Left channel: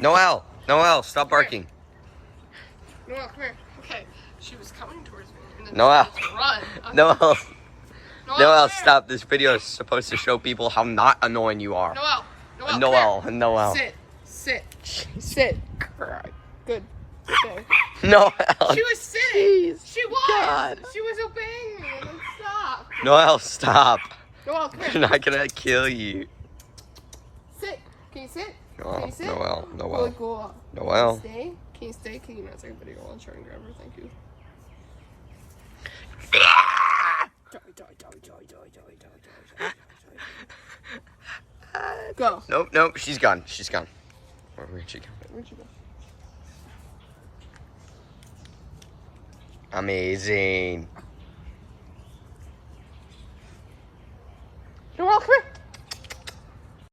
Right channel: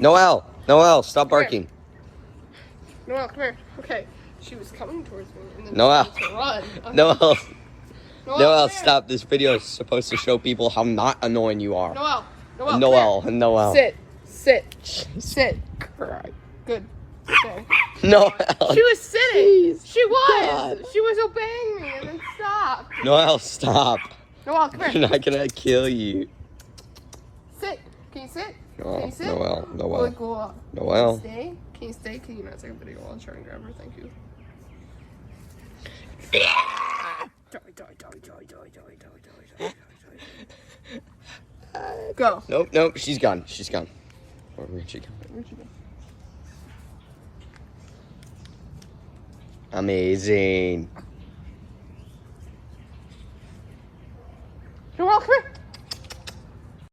Noelle, stop barking. Noelle, come here. Okay, she was coming towards me and then Noelle. she started to run. Noelle, Noelle, Noelle, come here. stop. This video is supposed to show people how not annoying you are. Noelle, come Noelle. here. Sit. Good. Okay. Noelle. She was sitting. Jeez. She was. God. She was obeying me and then stopped. Noelle, stop. Noelle, come You're here. not gonna kill you. Sit. Can you sit? No, Can you sit? Noelle. Good girl. Noelle. Stay. Can you stay? Can you not take a video while I'm trying to grab her? Thank you. Go. Nope, she's gone. Where'd she go? Where'd you go? Amazing. Noelle, come here.